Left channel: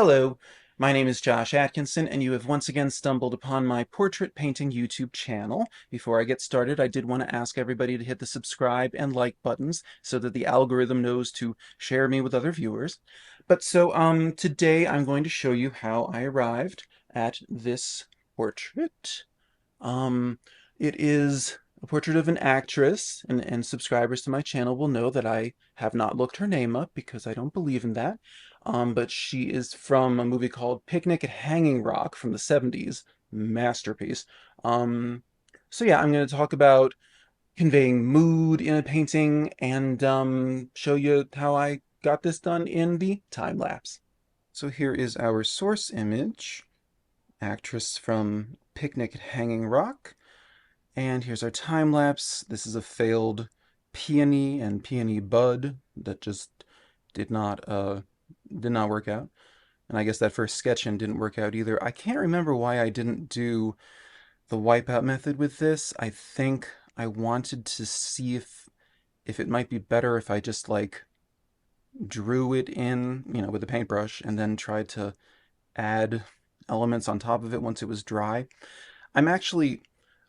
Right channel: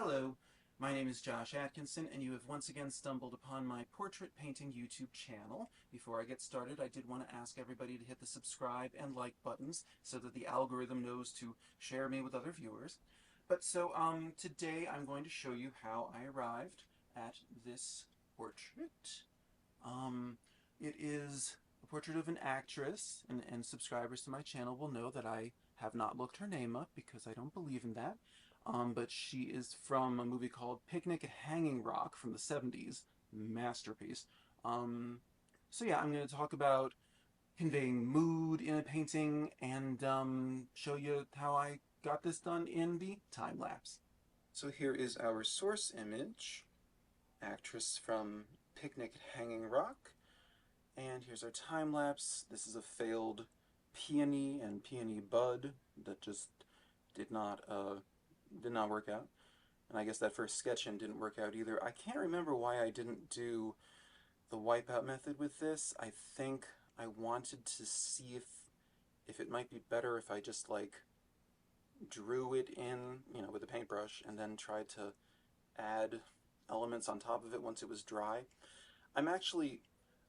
Hello, my name is Josh Atkinson, and you have once again stumbled upon my portrait painting YouTube channel. Before I get started, I did want to ask everybody to hit the subscribe and like buttons so that the algorithm knows to share me with other viewers. Today I'm going to show you how I arrived at this portrait. Um, it is a portrait of an actress, and subscribers to my channel will know that I have not looked her name up because I don't believe in that. But she is from a movie called Picnic at Hanging Rock from the 70s. Masterpiece. Um, yeah, I'm going to talk about conveying mood in a painting and show you how I got this done in the time lapse. So here is our source image, actress from Picnic at Hanging Rock. And here's our time lapse. This is a failed peony and peony bud that just did not uh did not work out. And I guess that first sketch-in didn't work out either. I can't remember why I didn't do the wipeout method with this. I think I wanted to see if it might be better if I just like drew it in, with a paintbrush and then tried to add elements on top of it once it was dry. I'm actually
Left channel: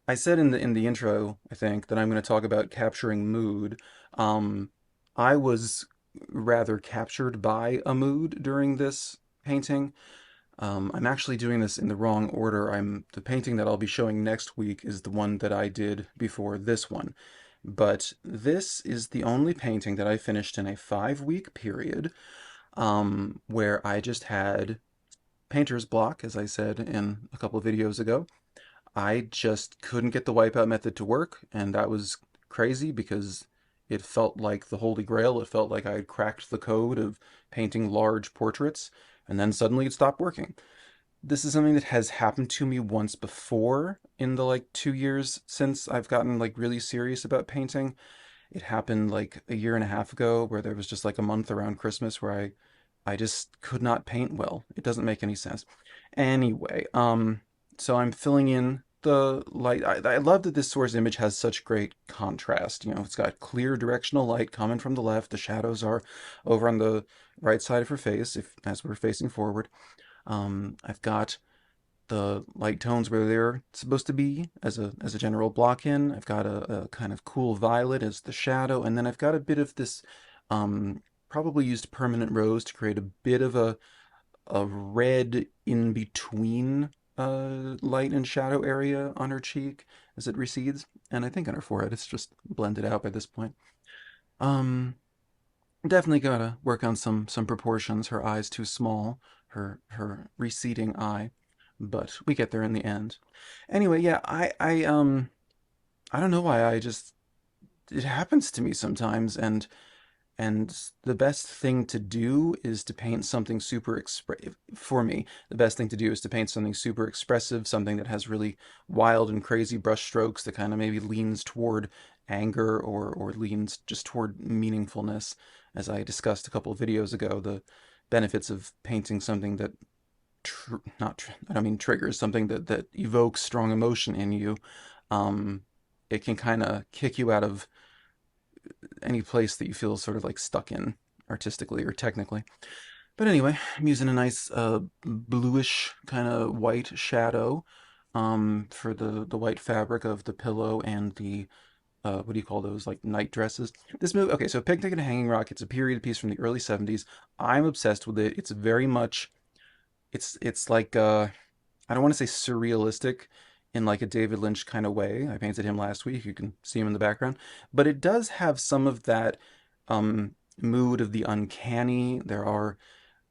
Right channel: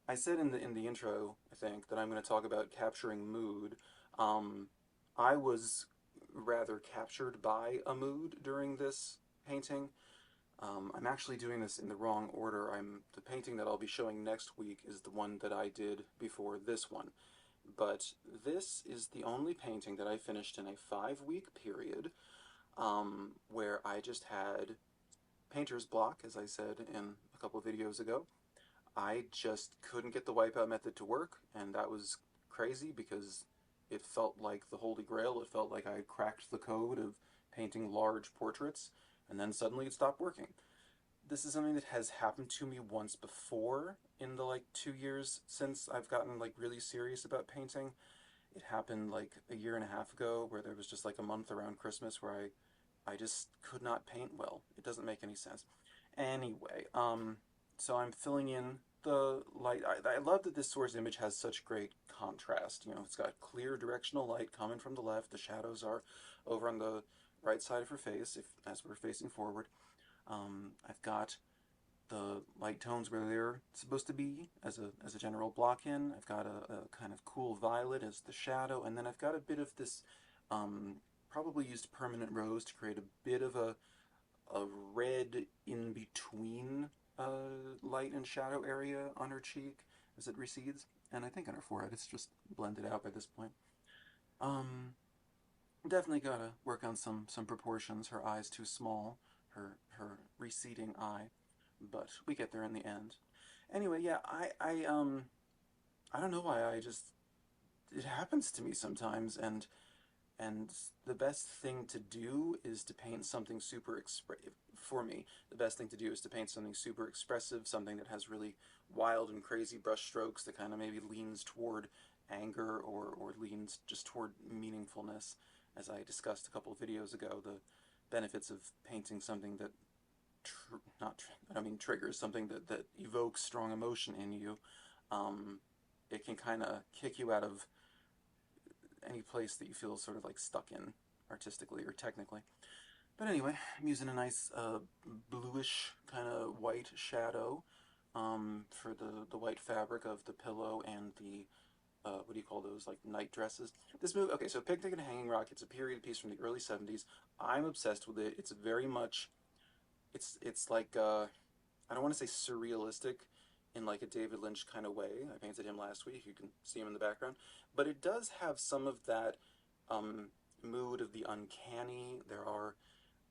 I said in the intro, I think, that I'm going to talk about capturing mood. Um, I was rather captured by a mood during this painting. I'm actually doing this in the wrong order. The painting that I'll be showing next week is the one that I did before this one. But this is the only painting that I finished in a 5-week period, where I just had painter's block, as I said in a couple of videos ago. I just couldn't get the wipeout method to work, and that was crazy because it felt like the Holy Grail. It felt like I had cracked the code of painting large portraits, and then suddenly it stopped working. This is something that has happened to me once before in the like 2 years since I've gotten like really serious about painting. It happened like a year and a half ago where there was just like a month around Christmas where I just could not paint well. It doesn't make any sense. Anyway, so I'm filling in the light. I love that this source image has such great contrast. It's got clear directional light coming from the left. The shadows are over on the right side of her face, if as we're facing forward. I've got the light tones where they're supposed to be as a general block in. I've got a kind of cool violet as the shadow, and then I've got a bit of this probably used permanent rose to create a bit of a red in between light and shadow area on her cheek as it recedes, and I think on her forehead it's just blended out by this point. Um, Definitely gotta work on some proportions. Her eye's too small, her receding eye, but we get there in the end. Anyway, yeah, I don't know why I just it happens to me sometimes, and the best thing to do is to paint something super expressive. For me, the best thing to do is to paint something super expressive, something that has really wild and crazy brush strokes that kind of maybe leans toward anger or leans just toward meaningfulness. As I discussed a couple of videos ago, the benefits of painting something that I don't mean triggers, something that evokes strong emotion in you. Um, it can kind of kick you out of any place that you feel sort of like stuck in artistically or technically. But anyway, I'm using a nice bluish kind of white shadow for the white fabric of the pillow and the what do you call those, like night dresses. This movie, okay, so Picnic at a Hanging Rock, it's a period piece from the early 70s. I'm obsessed with it. It's very much it's like I don't want to say surrealistic in like a David Lynch kind of way. I painted him last week. You can see him in the background. But it does have some of that mood of the uncanny. There are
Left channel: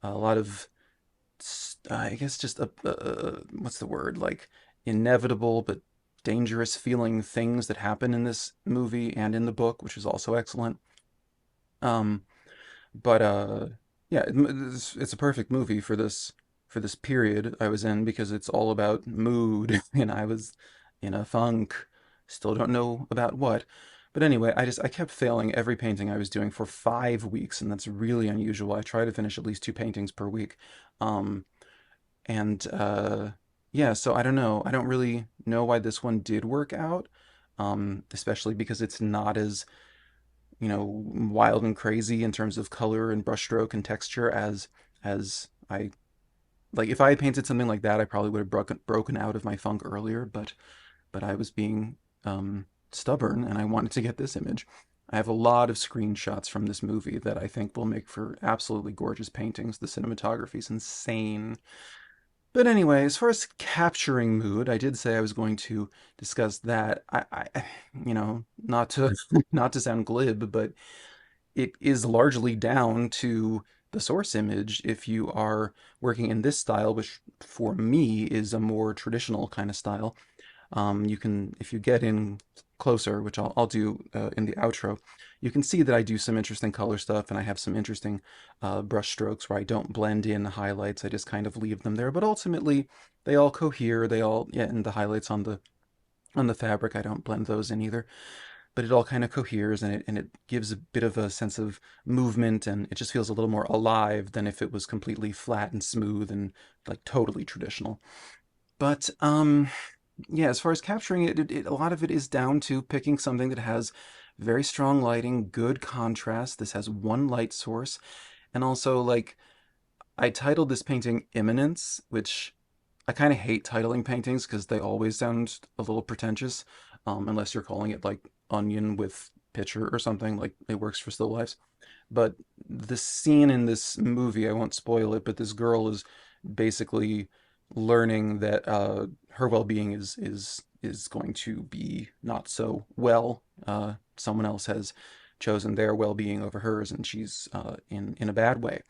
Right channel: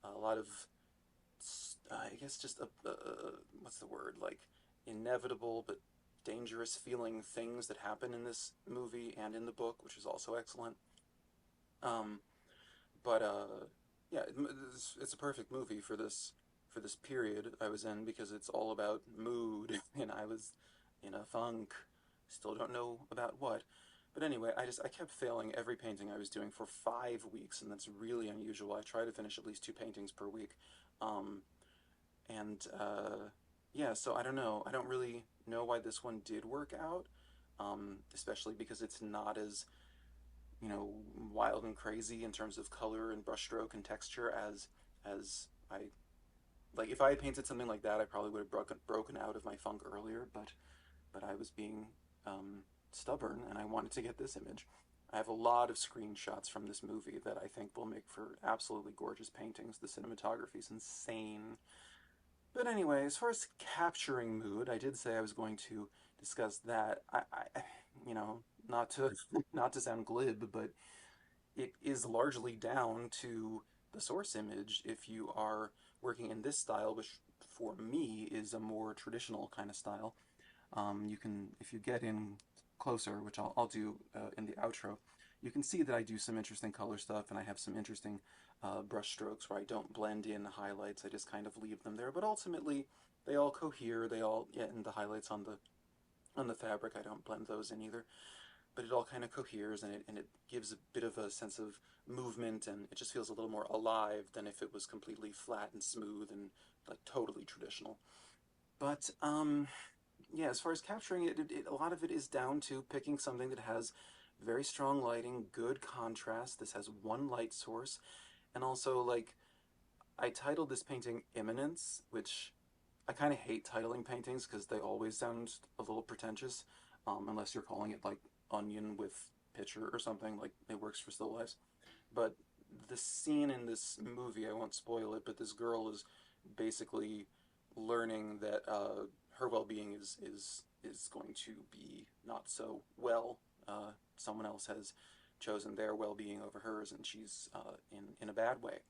a lot of, I guess, just what's the word? Like inevitable but dangerous feeling things that happen in this movie and in the book, which is also excellent. Um, but yeah, it's a perfect movie for this period I was in because it's all about mood, and I was in a funk. Still don't know about what. But anyway, I kept failing every painting I was doing for 5 weeks, and that's really unusual. I try to finish at least 2 paintings per week. Um, and yeah, so I don't know. I don't really know why this one did work out, especially because it's not as wild and crazy in terms of color and brushstroke and texture as I Like if I had painted something like that, I probably would have broken out of my funk earlier, but I was being stubborn and I wanted to get this image. I have a lot of screenshots from this movie that I think will make for absolutely gorgeous paintings. The cinematography is insane. But anyway, as far as capturing mood, I did say I was going to discuss that. Not to not to sound glib, but it is largely down to the source image if you are working in this style, which for me is a more traditional kind of style. You can, if you get in closer, which I'll do in the outro, you can see that I do some interesting color stuff and I have some interesting brush strokes where I don't blend in the highlights. I just kind of leave them there. But ultimately, they all cohere. They all, yeah, and the highlights on the fabric, I don't blend those in either. But it all kind of coheres and it gives a bit of a sense of movement and it just feels a little more alive than if it was completely flat and smooth and like totally traditional. But yeah, as far as capturing a lot of it is down to picking something that has very strong lighting, good contrast. This has one light source, and also like I titled this painting Imminence, which I kind of hate titling paintings because they always sound a little pretentious, unless you're calling it like Onion with Picture or something. Like it works for still lifes. But the scene in this movie, I won't spoil it, but this girl is basically learning that her well-being is going to be not so well. Someone else has chosen their well-being over hers, and she's in a bad way.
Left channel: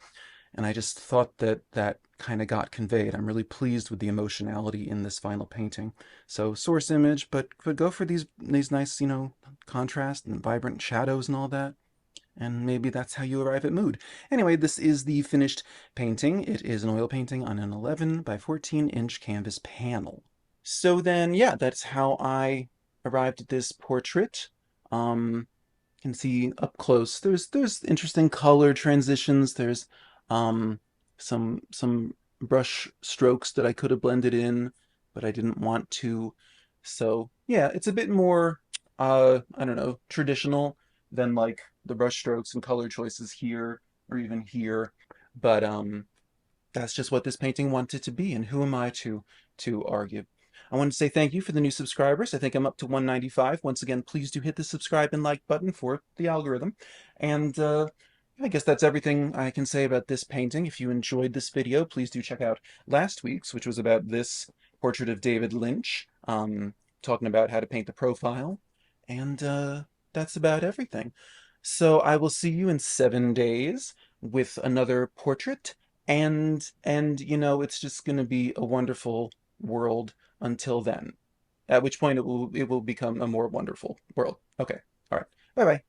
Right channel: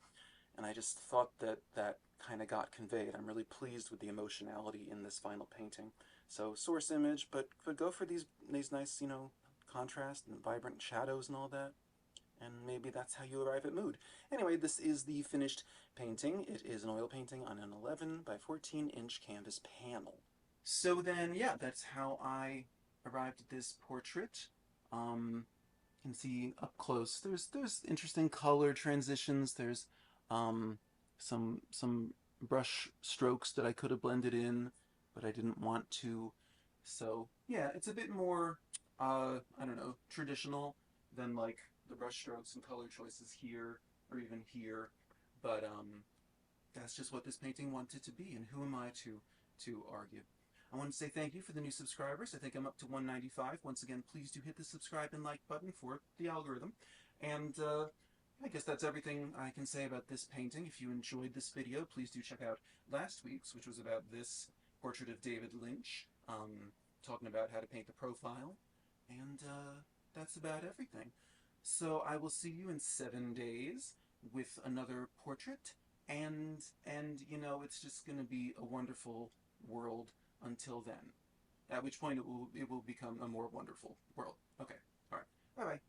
And I just thought that that kind of got conveyed. I'm really pleased with the emotionality in this final painting. So source image, but go for these nice, contrast and vibrant shadows and all that, and maybe that's how you arrive at mood. Anyway, this is the finished painting. It is an oil painting on an 11 by 14-inch canvas panel. So then, yeah, that's how I arrived at this portrait. You can see up close. There's interesting color transitions. There's um, some brush strokes that I could have blended in, but I didn't want to. So yeah, it's a bit more I don't know, traditional than like the brush strokes and color choices here or even here. But that's just what this painting wanted to be, and who am I to argue? I want to say thank you for the new subscribers. I think I'm up to 195. Once again, please do hit the subscribe and like button for the algorithm. And I guess that's everything I can say about this painting. If you enjoyed this video, please do check out last week's, which was about this portrait of David Lynch, talking about how to paint the profile. And that's about everything. So I will see you in 7 days with another portrait, and it's just going to be a wonderful world until then, at which point it will become a more wonderful world. Okay. All right. Bye bye.